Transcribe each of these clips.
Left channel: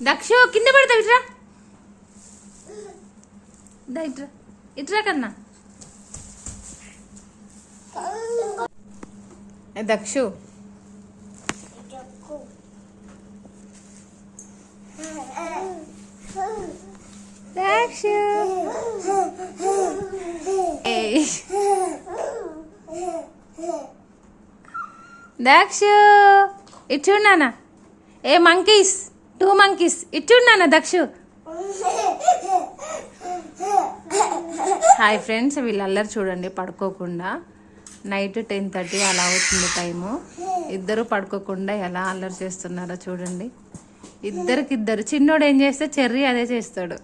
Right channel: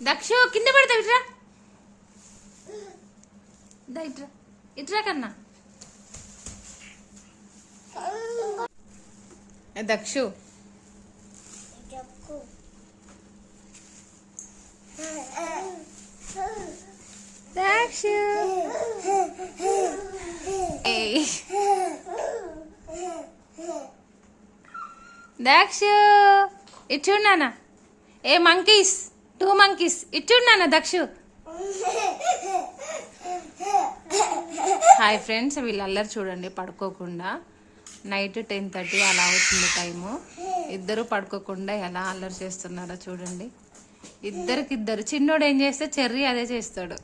దక్షు కింద పడతావు, ఇట్రా ఇట్రా ఇట్రా కన్నా. దక్షు దక్షు దక్షు ఇటు చూడు నాన్న. ఏ మంకీస్, 2 monkeys ఇటు చూడు నాన్న దక్షు. హాయ్ ఫ్రెండ్స్, వీళ్ళు అల్లరి చూడండి. పడుకోకుండా నైట్ 10:30 అలా అవుతుంది టైము. ఇద్దరు పడుకోకుండా ఎలా అల్లరి చేస్తున్నారో చూడండి. ఇద్దరికిద్దరు. చిన్నోడు ఏం చేస్తే చెర్రీ అదే చేస్తాడు.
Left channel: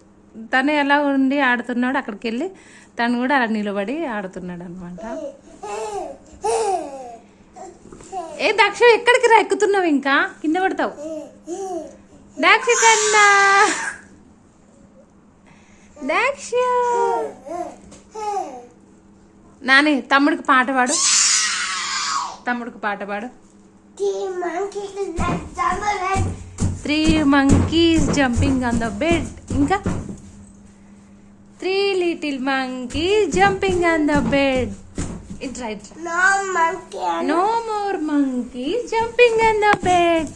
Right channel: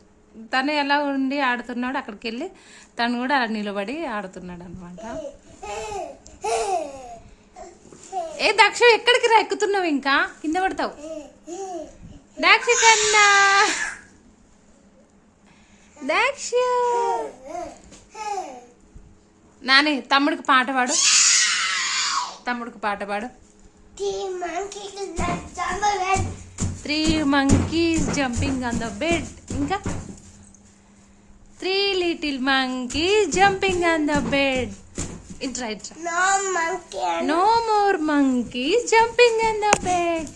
తను ఎలా ఉండి ఆడుతున్నాడు, అక్కడికి వెళ్ళి తను కూడా అలా నిలబడి ఆడుతున్నాడు అనమాట. ఏ దక్ష ఎక్కడికి రా, ఎక్కుతున్నావు ఇంకా కింద పడతావు. దక్ష కన్నా దక్ష. నాని తమ్ముడికి పాట పాడు, తమ్ముడికి పాట పాడు. 3 monkeys jumping on the bed. ఇంకా 3 little monkeys jumping on the bed. It's right. No more monkeys jumping on the bed.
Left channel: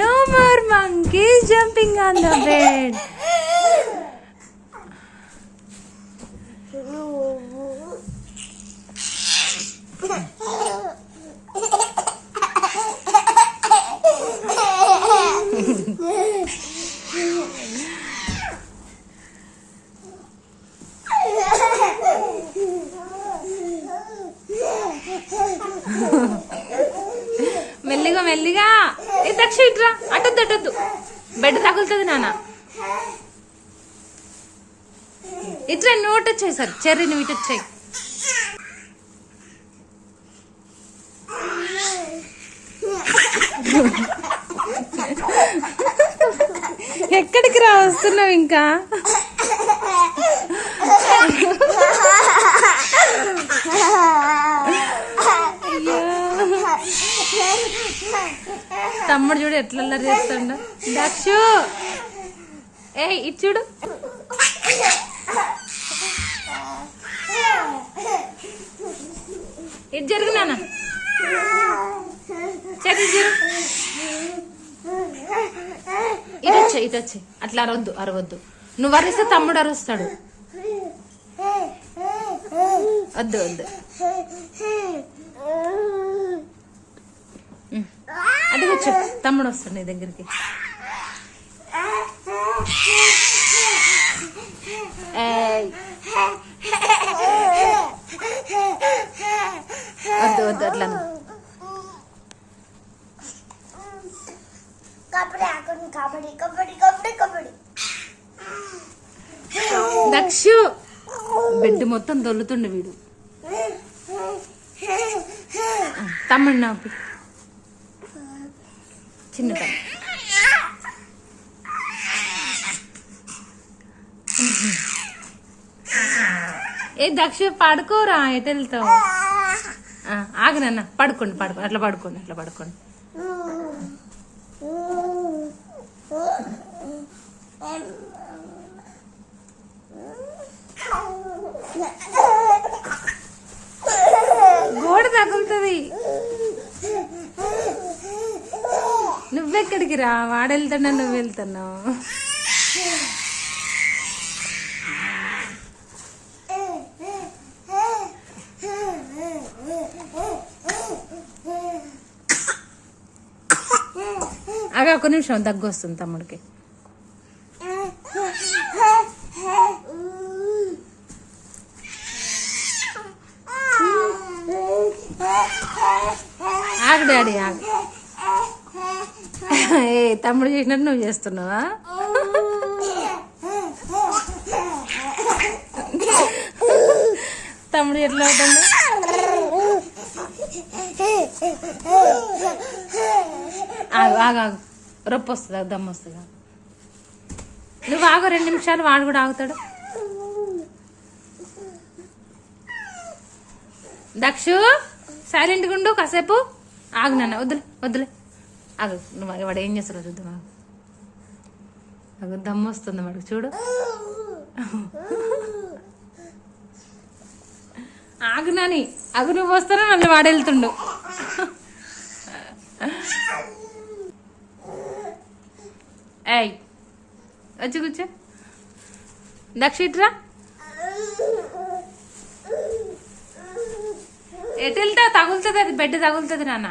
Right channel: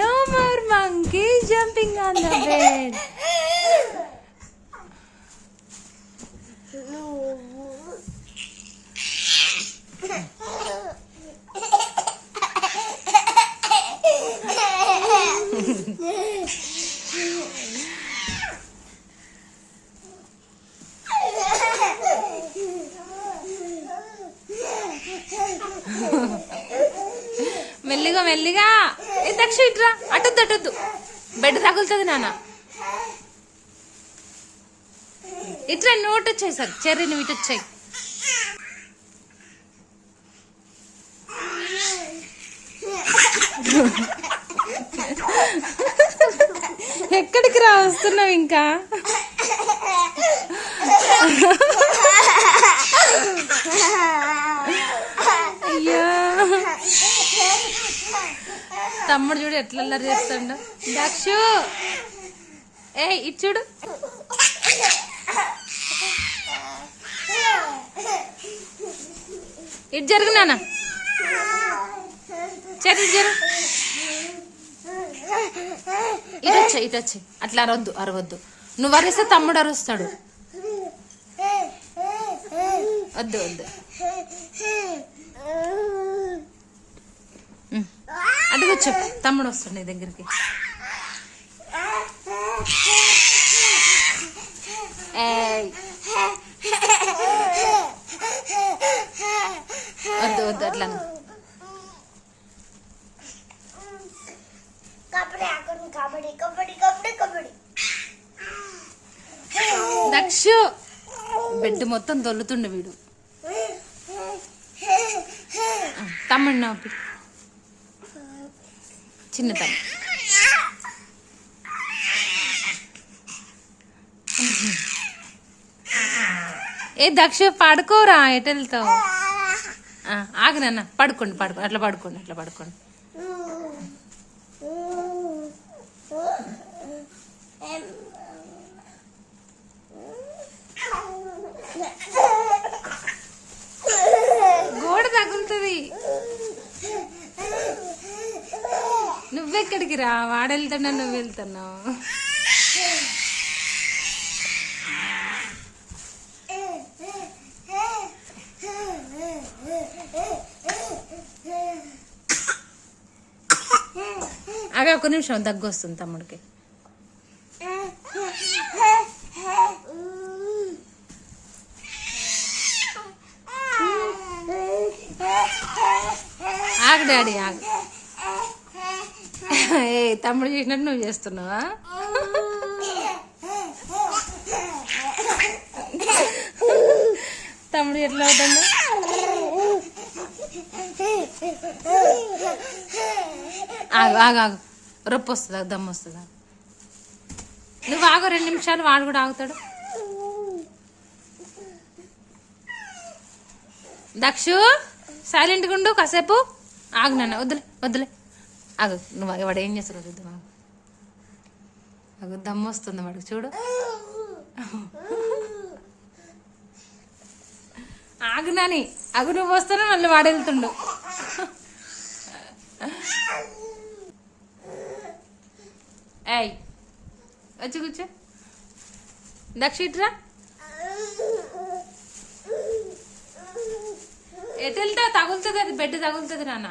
No more monkeys jumping on the bed. మెల్లిగా మెల్లిగా. ఏ దక్ష ఇట్రా, అటొద్దు అటొద్దు, బెడ్ తగులుతుంది నాన్న. ఇట్లా నోట్ వచ్చాయి సార్, చెర్రీ నువ్వు ఇటు వచ్చాయి. ఎక్కడికి రా, వస్తున్నావు ఇంకా. తమ్ముడు చూడు ఎట్లా అల్లరి చేస్తాడు. దక్షు ఏ ఇటు చూడు. ఇటు జరుగు నాన్న, చెట్టు జరుగు. ఇటు వచ్చాయి, ఇటు వచ్చాయి. అట్లా అరవద్దు, అరవద్దు. నువ్వు అరిస్తే తమ్ముడు అరుస్తాడు. వద్దు వద్దు. అటు కూర్చో, తమ్ముడు వస్తాడు నీ దగ్గరికి. వద్దు వద్దు అట్లా. దక్షు బెడ్ మొత్తం దొల్లుతుండే వీడు. తమ్ముడు నాకు చిన్న తమ్ముడు. ఏ దక్ష పడుకోరా, ఎటు వెళ్తావు. ఆగు నాన్న, పడుకోండి పడుకోండి, అట్లా పడుకోండి, అట్లా పడుకోండి. గోడ తగులుతుంది. నువ్వెక్కడికి రా, వాడెళ్తున్నా నువ్వు వెళ్తున్నావు. అగా ఒక నిమిషం, దగ్గు వస్తుంది తమ్ముడికి. ఆగు డాడీ ఆగు. ఏ తమ్ముడు చేసినట్టు నువ్వు చేస్తున్నావా. తమ్ముడు ఎట్లా అవుతుందో. ఆగు ఆగు ఆగు, రొప్పి వస్తుందా, దమ్ము వస్తుందా. నువ్వు ఆగు 2 నిమిషాలు, వాడు కూడా ఆగుతాడు. దక్షు సైలెంట్గా ఉండు కాసేపు. ఆగు నాన్న, వద్దులే వద్దులే, ఆగు. నువ్వు వాడు ఏం చేస్తారో చూద్దాం. అగో దమ్ము వస్తుంది వాడికి చూడు. ఆగు నాని, అగు నువ్వు వస్తానే మళ్ళీ వాడు వెళ్తుండు. ఏయ్ వచ్చి కూర్చో. దక్షిట్రా, ఎటు వెళ్తావు? తగులుతుంది, అది బెడ్ తగులుతుంది నాన్న.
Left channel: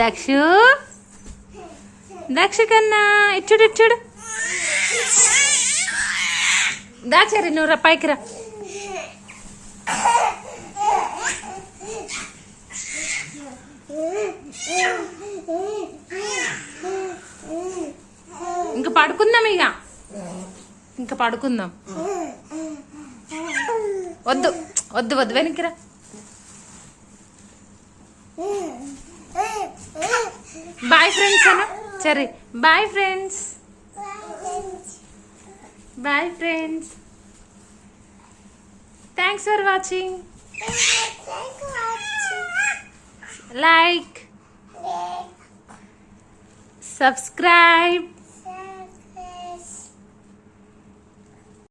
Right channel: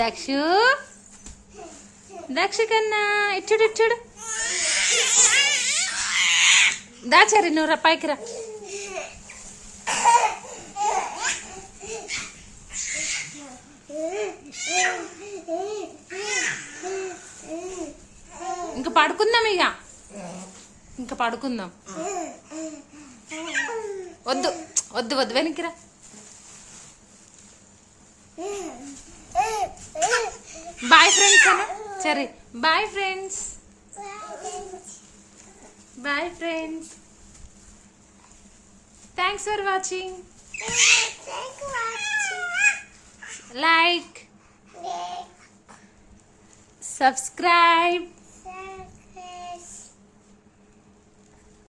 దక్షు, దక్షు కన్నా ఇచ్చుడు ఇచ్చుడు. దాచారి నువ్వు రా, పైకి రా. ఇంకా పడుకుందాం, ఇంకా పడుకుందాం. వద్దు వద్దు వద్దు, వెనక్కిరా. బాయ్ ఫ్రెండ్స్ అన్న. సరే bye friends. Bye friends. Thanks for watching. Like, subscribe.